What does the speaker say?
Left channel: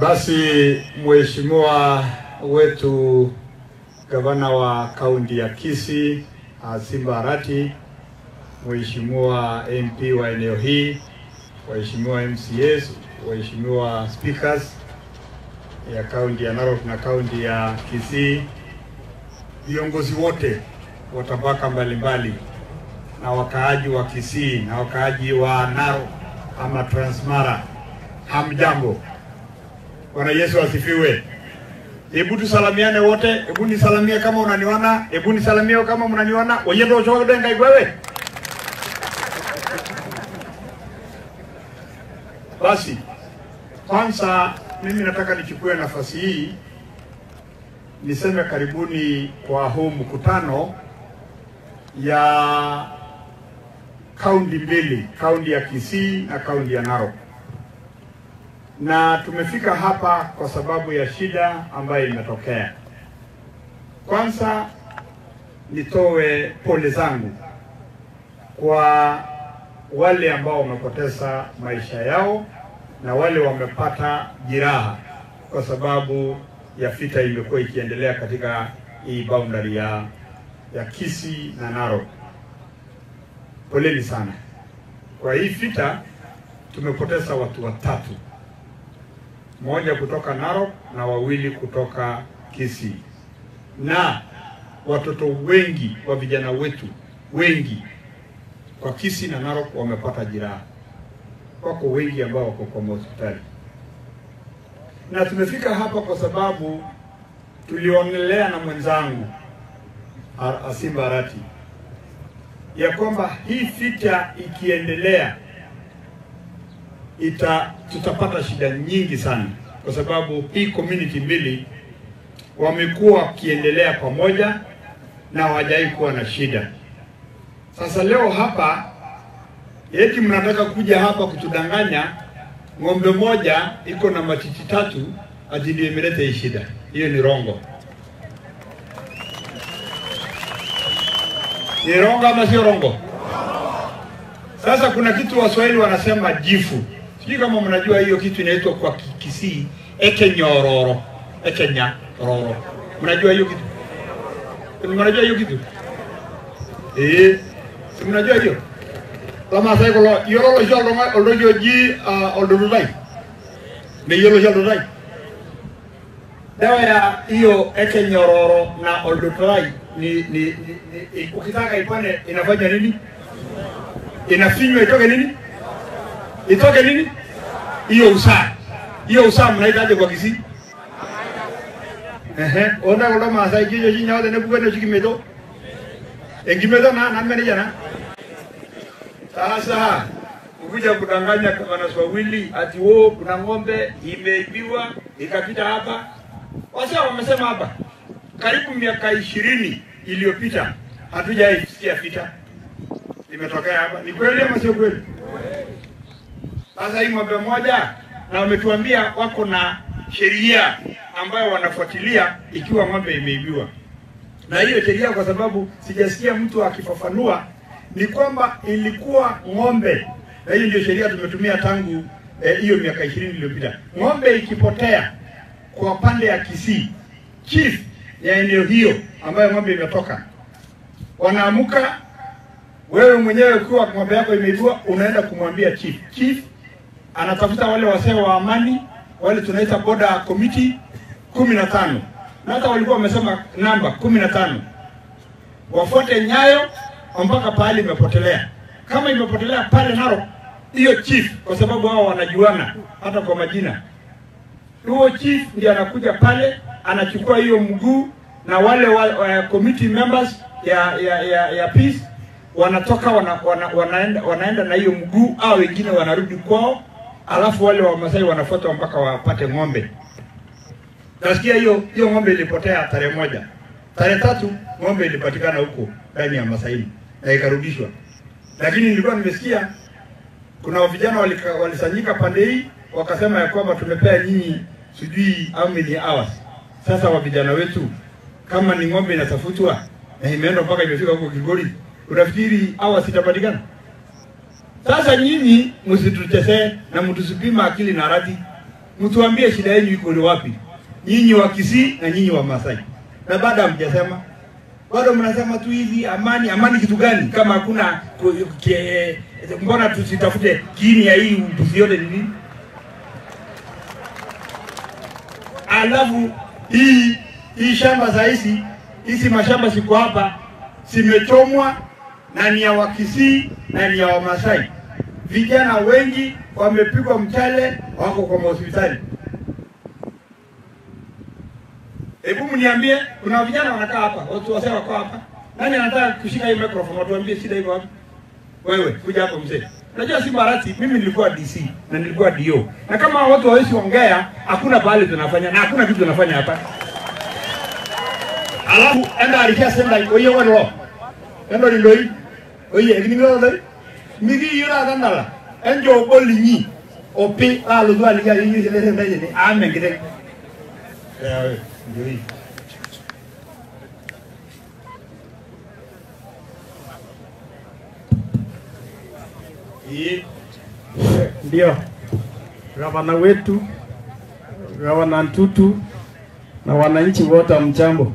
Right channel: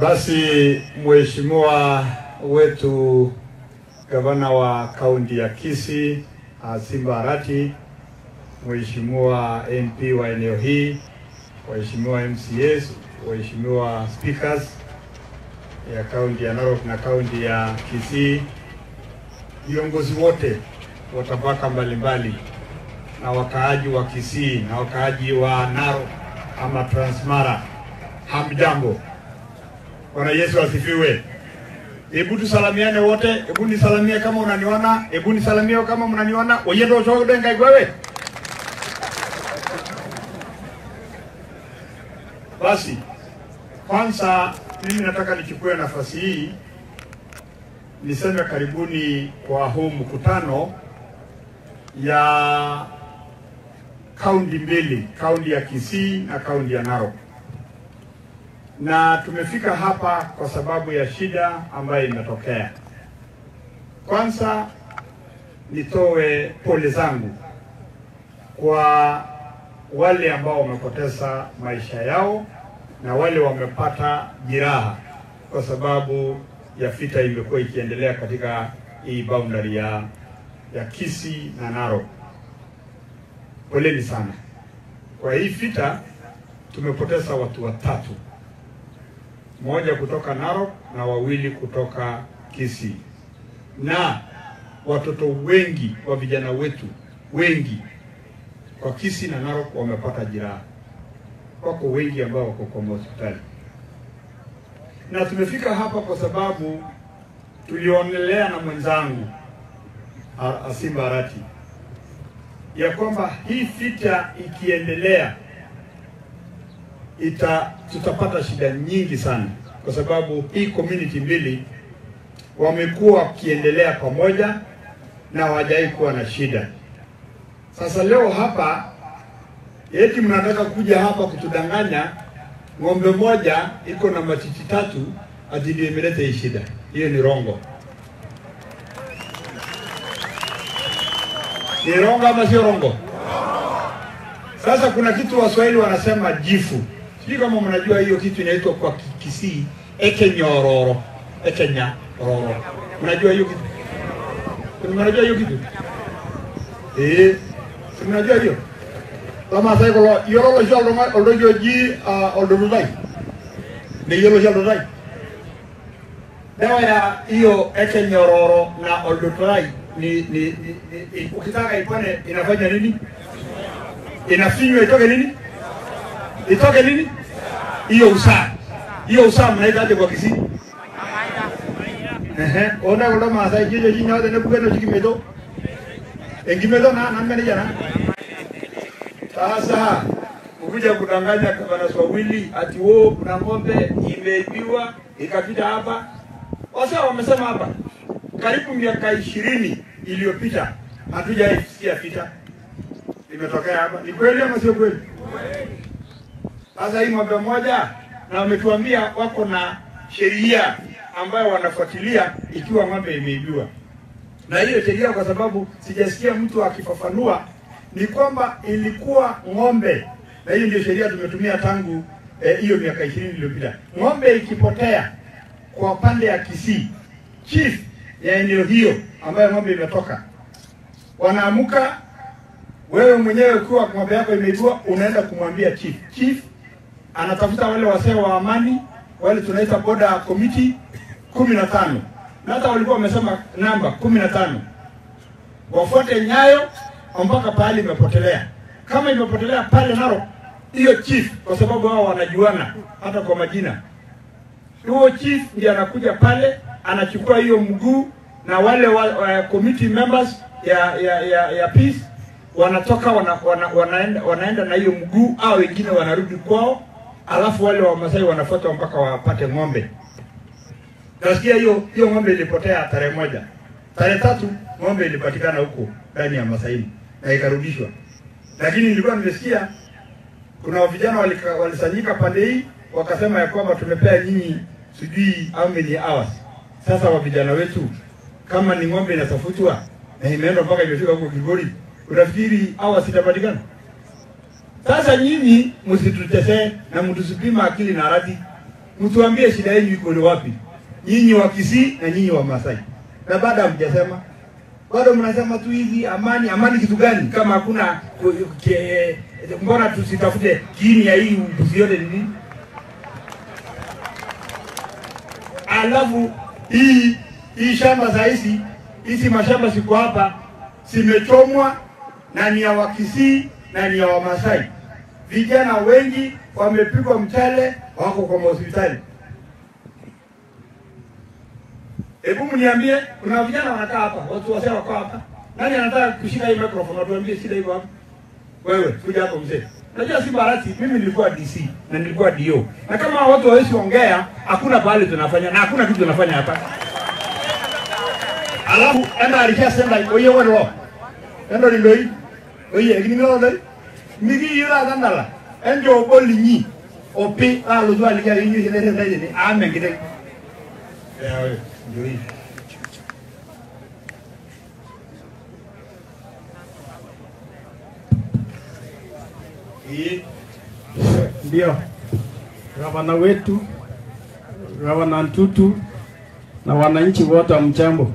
Basi mheshimiwa wetu gavana wa kaunti ya Kisii Simba Arati, mheshimiwa MP wa eneo hii, waheshimiwa MCAs, waheshimiwa speakers ya kaunti ya Narok na kaunti ya Kisii, viongozi wote wa tabaka mbalimbali na wakaaji wa Kisii na wakaaji wa Narok ama Transmara, hamjambo. Bwana Yesu asifiwe. Hebu tusalamiane wote. Hebu nisalamie kama unaniona. Hebu nisalamie kama mnaniona. Oyendo choge ngai wewe. Basi kwanza mimi nataka nichukue nafasi hii niseme karibuni kwa huu mkutano ya kaunti mbili, kaunti ya Kisii na kaunti ya Narok. Na tumefika hapa kwa sababu ya shida ambayo imetokea. Kwanza nitoe pole zangu kwa wale ambao wamepoteza maisha yao na wale wamepata jeraha kwa sababu ya vita imekuwa ikiendelea katika hii boundary ya Kisii na Narok. Poleni sana. Kwa hii vita tumepoteza watu watatu. Mmoja kutoka Narok na wawili kutoka Kisii. Na watoto wengi wa vijana wetu wengi kwa Kisii na Narok wamepata jeraha. Wako wengi ambao wako kwa hospitali. Na tumefika hapa kwa sababu tulionelea na mwenzangu Simba Arati ya kwamba hii vita ikiendelea tutapata shida nyingi sana, kwa sababu hii community mbili wamekuwa wakiendelea pamoja na hawajai kuwa na shida. Sasa leo hapa eti mnataka kuja hapa kutudanganya ng'ombe moja iko na matiti tatu ati ndio imeleta hii shida. Hiyo ni rongo. Ni rongo ama sio rongo? Sasa kuna kitu Waswahili wanasema jifu. Sio kama mnajua hiyo kitu inaitwa kwa Kisii ekenyororo. Ekenyororo. Mnajua hiyo kitu? Mnajua hiyo kitu? Mnajua hiyo? Lama sai ko yoro jalo ma oldo ji oldo dai. Ni yoro jalo dai. Dawa ya hiyo ekenyororo na oldo dai ni ukitaka ipone inafanya nini? Inafinywa itoke nini? Itoke nini? Hiyo usaa. Hiyo usaa mnaitaje kwa Kisii? Ona masai kijo jinya wote ne bugano chikimedo. Engimedo na mene jana. Sasa ukija kudanganya kwa Waswahili ati kuna ng'ombe imeibiwa ikapita hapa. Wasa wamesema hapa karibu miaka 20 iliyopita hatujaisikia vita imetokea hapa. Ni kweli ama sio kweli? Sasa hii ng'ombe moja na wametuambia wako na sheria ambayo wanafuatilia ikiwa ng'ombe imeibiwa. Na hiyo sheria, kwa sababu sijasikia mtu akifafanua, ni kwamba ilikuwa ng'ombe, na hiyo ndio sheria tumetumia tangu hiyo miaka 20 iliyopita. Ng'ombe ikipotea kwa pande ya Kisii, chief ya eneo hiyo ambayo ng'ombe imetoka, wanaamuka, wewe mwenyewe ukiwa ng'ombe yako imeibiwa unaenda kumwambia chief. Chief anatafuta wale wasee wa amani, wale tunaita border committee 15. Na hata walikuwa wamesema namba 15. Wafuate nyayo mpaka pale imepotelea. Kama imepotelea pale Narok, hiyo chief, kwa sababu hao wanajuana hata kwa majina, huyo chief ndiye anakuja pale, anachukua hiyo mguu, na wale committee members ya peace wanatoka wanaenda na hiyo mguu, au wengine wanarudi kwao, alafu wale wa Masai wanafuata mpaka wapate ng'ombe. Nasikia hiyo ng'ombe ilipotea tarehe 1. Tarehe 3 ng'ombe ilipatikana huko ndani ya Masai na ikarudishwa. Lakini nilikuwa nimesikia kuna vijana walisanyika pande hii wakasema ya kwamba tumepea nyinyi sijui how many hours. Sasa wa vijana wetu, kama ni ng'ombe inatafutwa na imeenda mpaka imefika huko Kigori, unafikiri hours itapatikana? Sasa nyinyi msitutese na mtusipima akili na radhi. Mtuambie shida yenu iko ni wapi? Nyinyi wa Kisii na nyinyi wa Masai. Na baada mjasema. Bado mnasema tu hivi amani, amani kitu gani? Kama hakuna mbona tusitafute kiini ya hii ubuzi yote ni nini? Alafu hii shamba za hizi mashamba siku hapa simechomwa na ni ya wa Kisii na ni ya wa Masai. Vijana wengi wamepigwa mchale wako kwa hospitali. Hebu mniambie, kuna vijana wanakaa hapa, watu wasema wako hapa. Nani anataka kushika hii microphone atuambie shida hiyo hapa? Wewe, kuja hapo mzee. Unajua si barati, mimi nilikuwa DC na nilikuwa DO. Na kama watu hawezi ongea, hakuna pale tunafanya na hakuna kitu tunafanya hapa. Alafu enda alishasema oye wao. Enda loi. Oye, ngini ngalo. Migi ira dandala. Enjo bolinyi. Opi alu aliga yini sele sele. Amen kide. Eh, ndio. Ndio gavana wetu, gavana Ntutu na wananchi wote mjambo.